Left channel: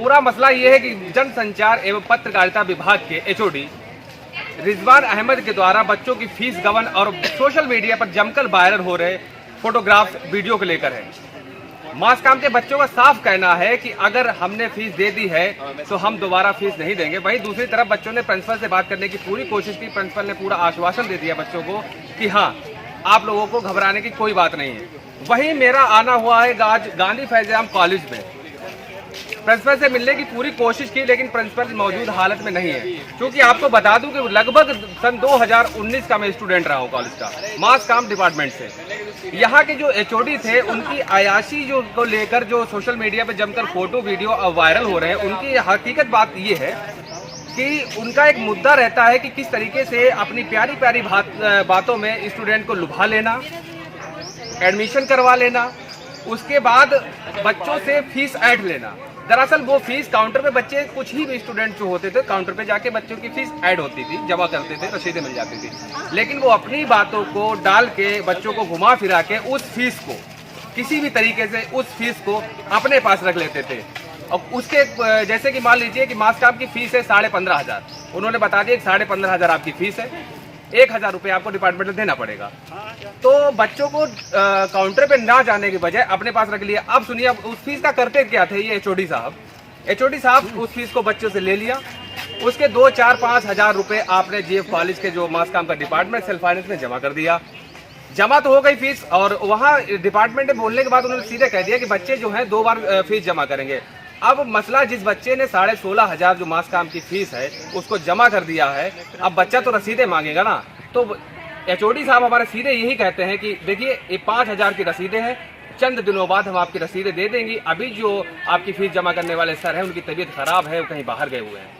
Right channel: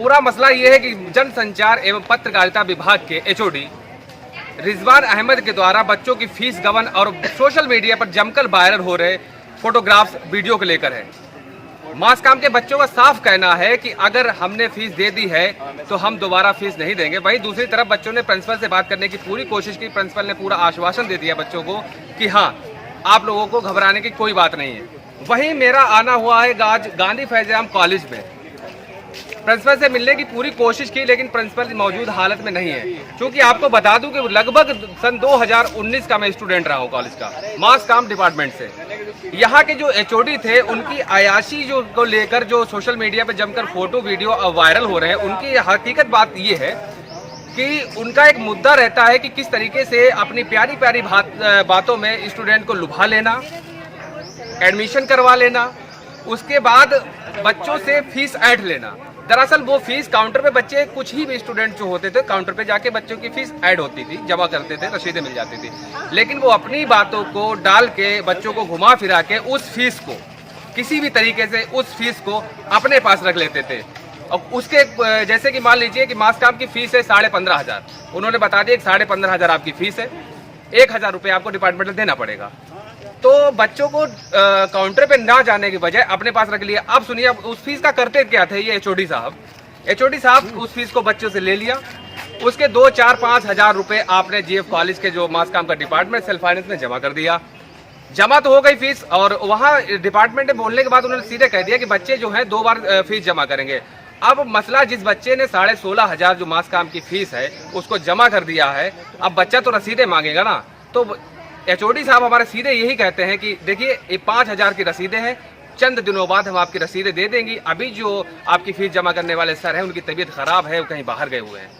पूरा मसला ये है कि जनसंचार एवं पत्रकारिता विभाग के एचओडी रिजवान अहमद के द्वारा बच्चों की फीस गबन और सोशल मीडिया पर जमकर वायरल हो रहे फोटोग्राफ्स वीडियो को लेकर है। मास काम के बच्चों का साफ कहना है कि अगर हमने फीस दे दी है तो हम दोबारा फीस नहीं देंगे। वहीं दूसरी तरफ बच्चों ने प्रिंसिपल से बात करने की पूरी कोशिश की। प्रिंसिपल ने पूरा आश्वासन दे दिया बच्चों को कि हाँ, आप लोगों को घबराने की कोई बात नहीं है। वहीं मेरा आना हुआ है आज गांधी फैज़-ए-आम कॉलेज में। प्रिंसिपल से मिलने की पूरी कोशिश की, लेकिन प्रिंसिपल मौजूद हालत में नहीं है। क्योंकि आपको बता दूं कि लगभग सन 2019 का मैं स्टूडेंट रहा हूं कॉलेज का, मास काम डिपार्टमेंट से। यहाँ के जो एचओडी थे, उनकी अयाशी जो को लेकर जो सोशल मीडिया पे जमकर फोटो वीडियो वायरल हो रहे हैं, उनकी हकीकत बात ये है कि उनका एक मुद्दा रहता है कि किस तरीके से अपनी प्यारी प्यारी बातों में स्टूडेंट को लुभा लेना, एडमिशन करवा लेना, उसके बाद बच्चों से फीस ऐंठ लेना। दरअसल वो फीस काउंटर पे बच्चे कुछ ही भी स्टूडेंट जो होते थे, काउंटर पे जाके बच्चों की फीस ऐड होती थी, जमा करते थे, रसीदें मिल जाती थी। लेकिन वो अपनी बातों को डाल के बच्चों को घुमा फिरा के उस फीस को किसी भी तरीके से उस फीस को अपने पास रख लेते थे। और उसके जैसे कि मान लीजिए कि मास काम की फीस है 15,500, उन्होंने बता दिया 15,500 आपकी फीस है, 1,000 रुपये आपको डिपार्टमेंट में देना पड़ेगा। तो बच्चों को काउंटर पे ना जाने के बजाय अपने पास रख लिया। अब सुनिए, अब उस फीस का करते क्या थे ये एचओडी साहब उस फीस को बच्चों से ले लिया। उसके 2, 4, 5 हजार रुपए आपने जीएफ कॉलेज के जो मास काम का डिपार्टमेंट सेल्फ फाइनेंस में जमा कर दिया। जमा तो हो गई फीस, और वहां डिपार्टमेंट में बोलने के बाद उन्होंने सीधे कह दिया कि बच्चे जो है 2 बार फीस जमा करेंगे। अब मसला, जिस बच्चे ने 16,500 जो मास काम की फीस है उसको जमा कर दिया है, अब बच्चा तो रसीदें मांगेगा ना। तो एचओडी साहब हमारे सीधे यही कहते हैं कि देखिए, ये 5,000 की रसीदें हैं, चंद दिनों बाद हम आपकी रसीदें दे देंगी। अभी जो आपकी फीस जमा करने वाले सर हैं, उनकी तबीयत खराब है, वो कहीं बाहर गए हुए हैं।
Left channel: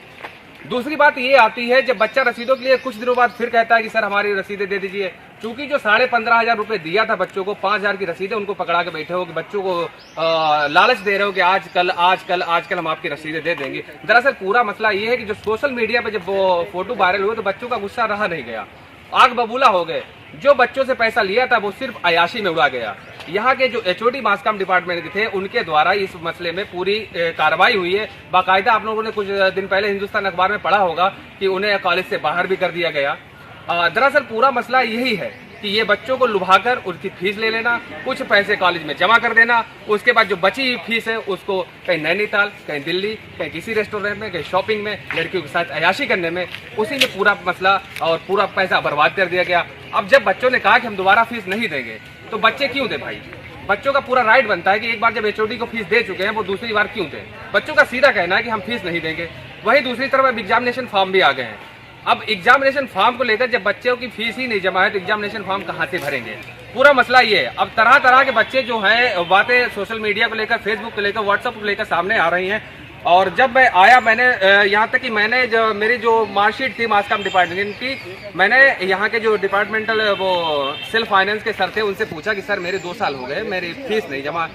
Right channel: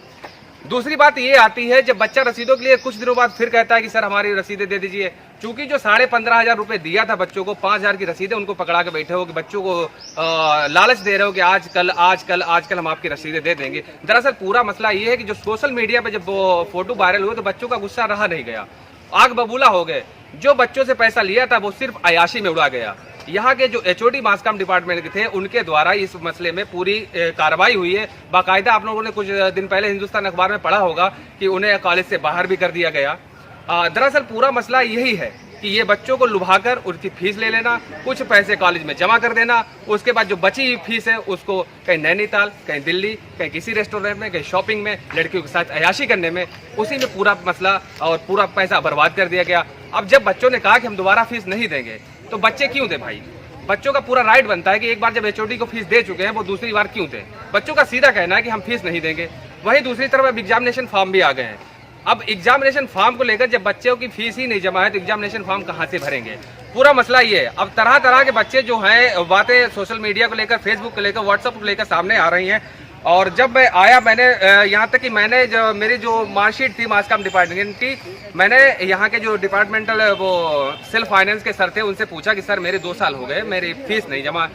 दूसरी बात ये आती है, जब बच्चा रसीदों के लिए कुछ दिनों बाद फिर कहता है कि सर हमारी रसीदें दे दीजिए। चूंकि जो 15,500 रुपए दिया था बच्चों को, 5,000 की रसीदें उनको पकड़ा के बैठे हो कि बच्चों को लालच दे रहे हो कि आजकल हम आपकी रसीदें दे देंगे। दरअसल पूरा मसला ये है कि जो सोशल मीडिया पे जब वो फोटो वायरल हुए तो बच्चों का गुस्सा रहा नहीं गया, आग बबूला हो गए। जो बच्चों से पैसा लिया था वो सिर्फ अयाशी में उड़ा गया। यहाँ के जो एचओडी मास काम डिपार्टमेंट के थे, उनके द्वारा इस मसले में पूरी कार्रवाई हुई है। बाकायदा आप लोगों ने कुछ दिन पहले हिंदुस्तान अखबार में पढ़ा होगा कि उन्हें कॉलेज से बाहर भी कर दिया गया। दरअसल पूरा मसला यही है कि ये बच्चों को लुभाकर उनकी फीस ले लेना, कुछ पैसे कॉलेज में जमा कर देना, उसके बाद जो बची हुई फीस है उसको कहीं नैनीताल, कहीं दिल्ली, कहीं किसी रेस्टोरेंट में, कहीं शॉपिंग में लड़कियों के साथ अयाशी करने में, उसी में पूरा मसला और पूरा पैसा बर्बाद कर दिया गया। अब जब बच्चों ने कहा कि हम दोबारा फीस नहीं देंगे, तो बच्चे क्यों दे भाई? बच्चों का पूरा राइट बनता है कि एक बार जब एचओडी को फीस दे चुके हैं, वो दूसरी बार क्यों दें? बच्चों का सीधा कहना है कि हम फीस नहीं देंगे। वहीं दूसरी तरफ अब एग्जामिनेशन फॉर्म भी आ गए हैं। अब एग्जामिनेशन फॉर्म को लेकर जब बच्चों की फीस ही नहीं जमा है तो एग्जामिनेशन फॉर्म कहां से भरेंगे? पूरा मसला ये है। अब तरह तरह के बच्चे जो हैं, बातें सोशल मीडिया को लेकर, फेसबुक को लेकर, व्हाट्सएप को लेकर सामने आ रही हैं। और जब मैं आया, मैंने यहाँ तक कि मैंने जो मेरी जो मार्कशीट थी मास काम डिपार्टमेंट की, मैंने यहाँ के जो डिपार्टमेंटल वो सेल्फ फाइनेंस के सर थे, उनसे पूछा कि सर मेरे 2 साल हो गए, मेरी फीस नहीं जमा।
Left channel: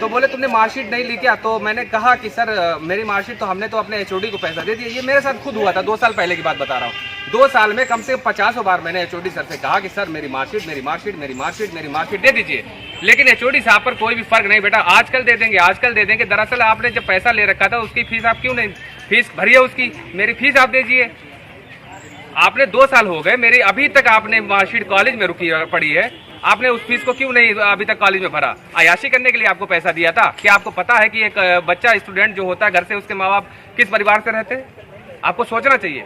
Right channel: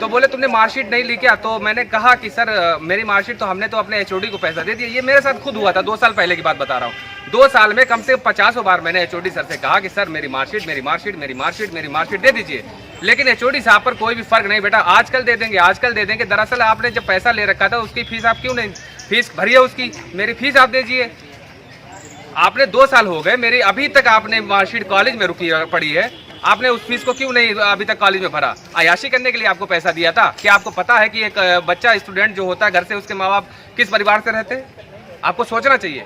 तो बोले तुमने मार्कशीट नहीं ली क्या? तो मैंने कहा कि सर मेरी मार्कशीट तो हमने तो अपने एचओडी को पैसा दे दिया। ये मेरे साथ खुद हुआ था, 2 साल पहले की बात बता रहा हूँ। 2 साल में कम से कम 50 बार मैंने एचओडी सर से कहा कि सर मेरी मार्कशीट दे दीजिए। लेकिन एचओडी साहब पर कोई भी फर्क नहीं, बेटा आजकल दे देंगे। दरअसल आपने जब पैसा ले रखा था उसकी फीस आप क्यों नहीं फीस भरी है उसकी? मेरी फीस आप दीजिए। आपने 2 साल हो गए, मेरी अभी तक आपने मार्कशीट कॉलेज में रुकी पड़ी है, आपने उस फीस को क्यों नहीं अभी तक कॉलेज में भरा? अयाशी करने के लिए आपको पैसा दिया था। क्या आपको पता है कि एक बच्चा स्टूडेंट जो होता है, घर से उसके माँ बाप किस परिवार से रहते हैं? आपको सोचना चाहिए।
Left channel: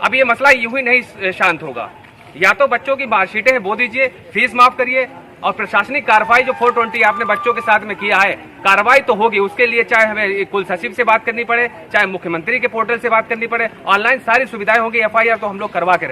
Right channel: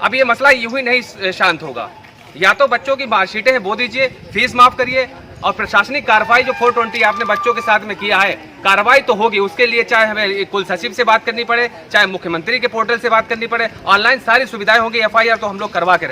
अब ये मसला यूं ही नहीं शांत होगा। या तो बच्चों की मार्कशीटें हैं वो दीजिए, फीस माफ करिए, और प्रशासनिक कार्रवाई जो 420 आपने बच्चों के साथ में किया है, कार्रवाई तो होगी। उसके लिए चाहे हमें कुल सचिव से बात करनी पड़े, चाहे मुख्यमंत्री के पोर्टल से बात करनी पड़े, ऑनलाइन सारी सुविधाएं होंगी। एफआईआर तो हम लोग करवा के